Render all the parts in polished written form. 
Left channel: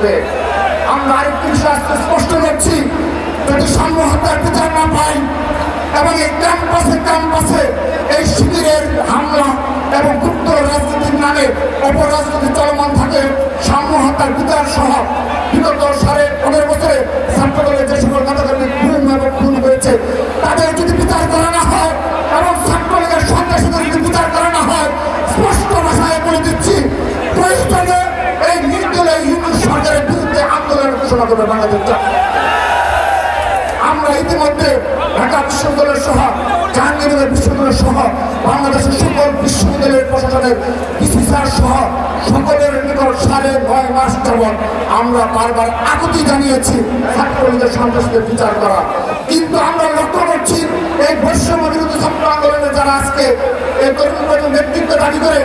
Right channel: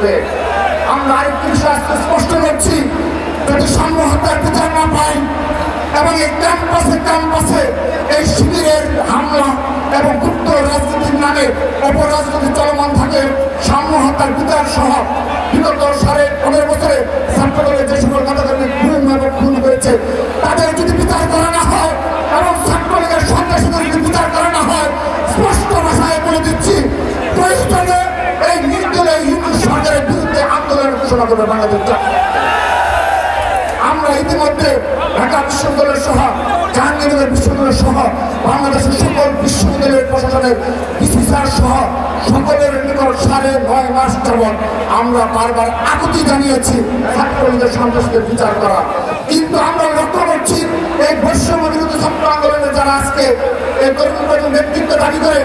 আসবে। আমরা আরেকটি বিষয় স্পষ্ট করছি, যদি সংহতার বিচার না পাই এবং এই ক্যাম্পাসে এই শিবিরের হামলা এবং গুপ্ত রাজনীতির নামে অপরাজনীতি চলমান থাকে, সংহতার বিচার সহ বিগত 15 বছরে ছাত্রদলের যে সকল নেতাকর্মী খুন হয়েছে তাদের যদি বিচার করা না হয় এবং ছাত্রলীগের সন্ত্রাসীদের যদি বিচার করা না হয়, স্পষ্ট ভাষায় বলে দিচ্ছি, প্রয়োজনে এই নির্দলীয় ইউনিট সরকারের বিরুদ্ধে আন্দোলন ঘোষণা করে বাংলাদেশ। আমরা ইতিমধ্যে ঢাকা বিশ্ববিদ্যালয় সহ জাহাঙ্গীরনগর বিশ্ববিদ্যালয় সহ বাংলাদেশের সকল বিশ্ববিদ্যালয়ের প্রশাসনের বিসিসিআর সহ সকলের নিকট 9.5 মাস যাবৎ আমরা বারবার আকুতি জানিয়েছি ছাত্রলীগের সন্ত্রাসীদের বিচার করা। কিন্তু আমরা লক্ষ্য করছি এই বৈষম্য বিরোধী ছাত্র আন্দোলনে যারা আজকে এই তরুণ নেতৃত্ব দাবি করে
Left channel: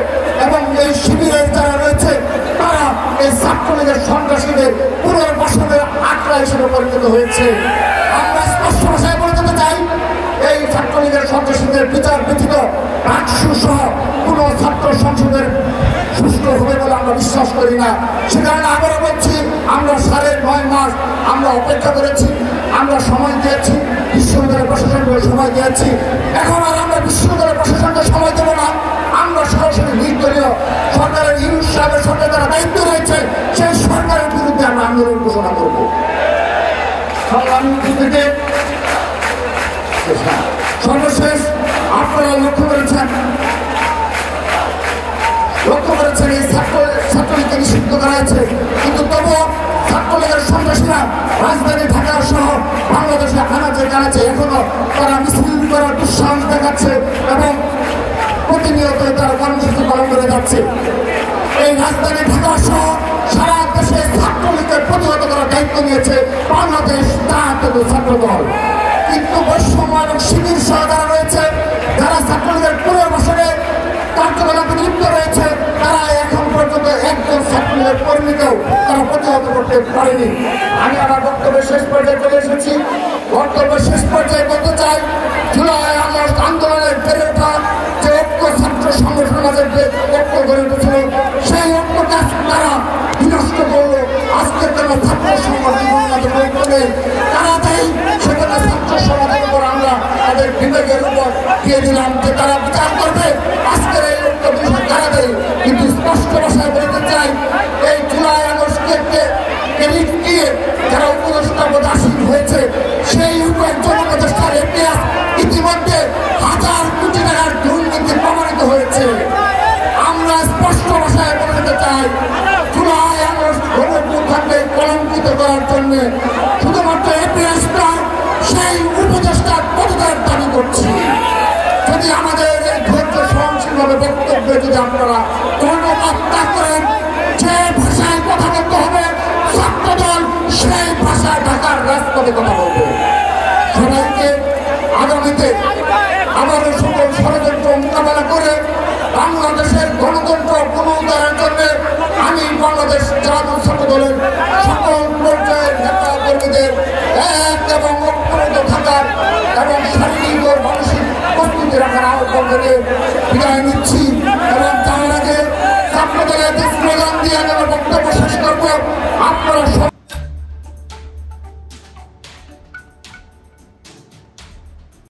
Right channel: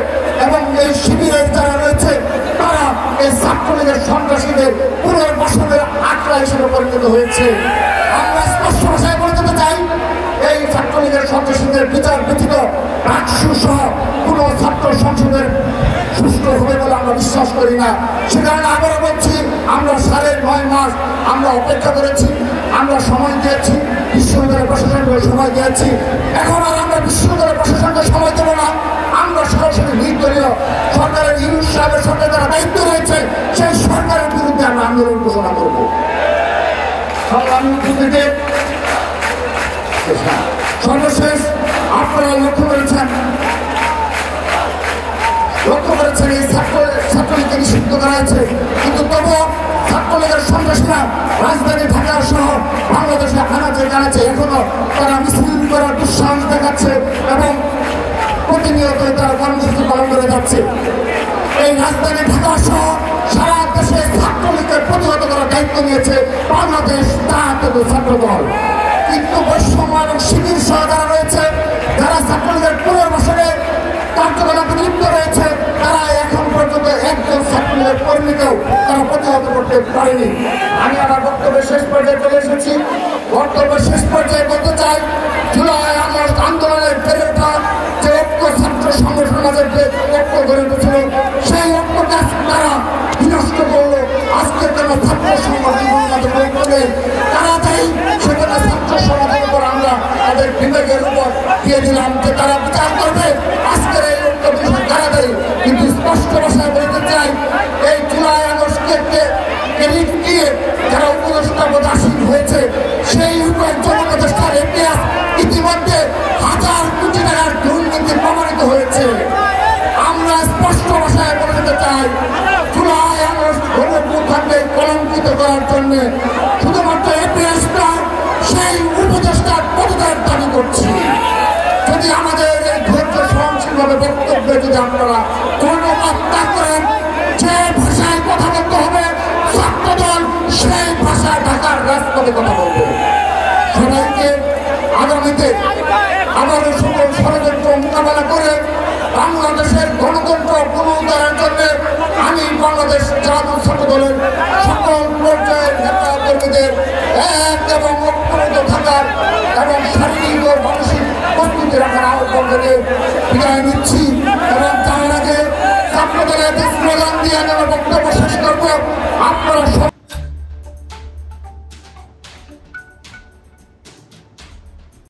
এবং এই শিবিরের যারা রয়েছে তারা এই ছাত্রলীগের সন্ত্রাসীদের পুনর্বাসনের আখড়া হিসেবে পরিণত হয়েছে। আমরা স্পষ্ট ভাষায় বলে দিতে চাই, এই ছাত্রলীগের সন্ত্রাসীদের বিচার ব্যতীত রাষ্ট্র সহ কোন ছাত্র সংসদের সুষ্ঠু হবে বলে আমরা বিশ্বাস করি না। সেখানে আবারও বলছি, আমরা 9.5 মাস আমরা অপেক্ষা করেছি, আমরা সময় দিয়েছি, বিশ্ববিদ্যালয় প্রশাসনকে সময় দিয়েছি। এখন আর আমরা বিশ্ববিদ্যালয় প্রশাসনকে সময় দেবো না, আমরা সরাসরি নির্দলীয় সরকারের ইউনুস সাহেবের সঙ্গে যারা দায়িত্ব রয়েছে সেই সরকারের বিরুদ্ধে আমরা আন্দোলন ঘোষণা করবো। সর্বশেষ আপনারা লক্ষ্য করেছেন এই ছাত্রলীগকে নিষিদ্ধ করা হয়েছে, কিন্তু তবুও ছাত্রলীগের সন্ত্রাসীরা রাজধানী ঢাকা সহ বাংলাদেশের কানাচে এখনো তারা মিছিল করার দুঃসাহস দেখাচ্ছে এবং প্রতিনিয়ত তারা কর্মসূচি পালন করে যাচ্ছে। এই রাজধানী ঢাকা সহ সারা দেশে ছাত্রলীগের প্রতিহত করার দায়িত্ব নিয়েছে বাংলাদেশ জাতীয় ছাত্র দল। কিন্তু বৈষম্য এবং শিবির সহ যারা রয়েছে, যারা ছাত্রলীগের পুনর্বাসনে কার্যকলাপে লিপ্ত রয়েছে, তারা এখন পর্যন্ত একজন ছাত্রলীগের কর্মীকেও তারা প্রতিহত করতে পারেনি। আমি আমার বক্তব্যের শেষ পর্যায়ে চলে এসেছি। বক্তব্যের শেষ পর্যায়ে বলতে চাই, জুলাই আগস্ট আন্দোলনের ফেরত যে ঐক্য ছাত্র সংগঠন ঐক্য গড়ে উঠেছিল, সেই ঐক্যকে তারা বিনষ্ট করলে আজকে তারা ছাত্র সংগঠন করবে। তারা যেই সেখানে ছাত্র সমাজের উপর আমরা তাদের বিবেকের উপর দিয়ে দিলাম যে তারা বিচার করবে, আজকের এই ঐক্য বিষয় তারা দেয়। কিন্তু স্পষ্ট ভাষায় বলতে চাই, এই জুলাই আগস্টকে ক্রেডিট দিয়ে যারা উপদেষ্টা হয়েছে সেই উপদেষ্টার ইতিহাস ইতিমধ্যে 1000 কোটি টাকার দুর্নীতি প্রমাণিত হয়েছে। আমরা স্পষ্ট ভাষায় বলতে চাই, জুলাই আগস্ট গণঅভ্যুত্থানকে কলঙ্কিত করার জন্য শুধুমাত্র ইতিহাসটা সেই উপদেষ্টার প্রতিদান দাবি করছি। যদি আমাদের এই ধৈর্য সহনশীলভাবে বক্তব্য যদি আপনারা কর্ণপাত না করেন, যে ভাষায় কথা বলতে হবে ছাত্রদল সেই ভাষায় ঢাকার রাজপথে কথা বলবে। সবাইকে আগামীতে আবারও সকল ষড়যন্ত্র মোকাবেলা করে বাংলাদেশের গণতন্ত্র পুনরুদ্ধারের জন্য আমি বাংলাদেশ জাতীয় ছাত্র দলের সকল পর্যায়ের নেতা কর্মীদের এক এবং ঐক্যবদ্ধ থাকার এবং শারীরিক ও মানসিক প্রস্তুতি রাখার আহ্বান করে বিদায় নিচ্ছি এবং তার আগে ছাত্রদলের স্লোগান দিয়ে আমরা বক্তব্য শেষ করব।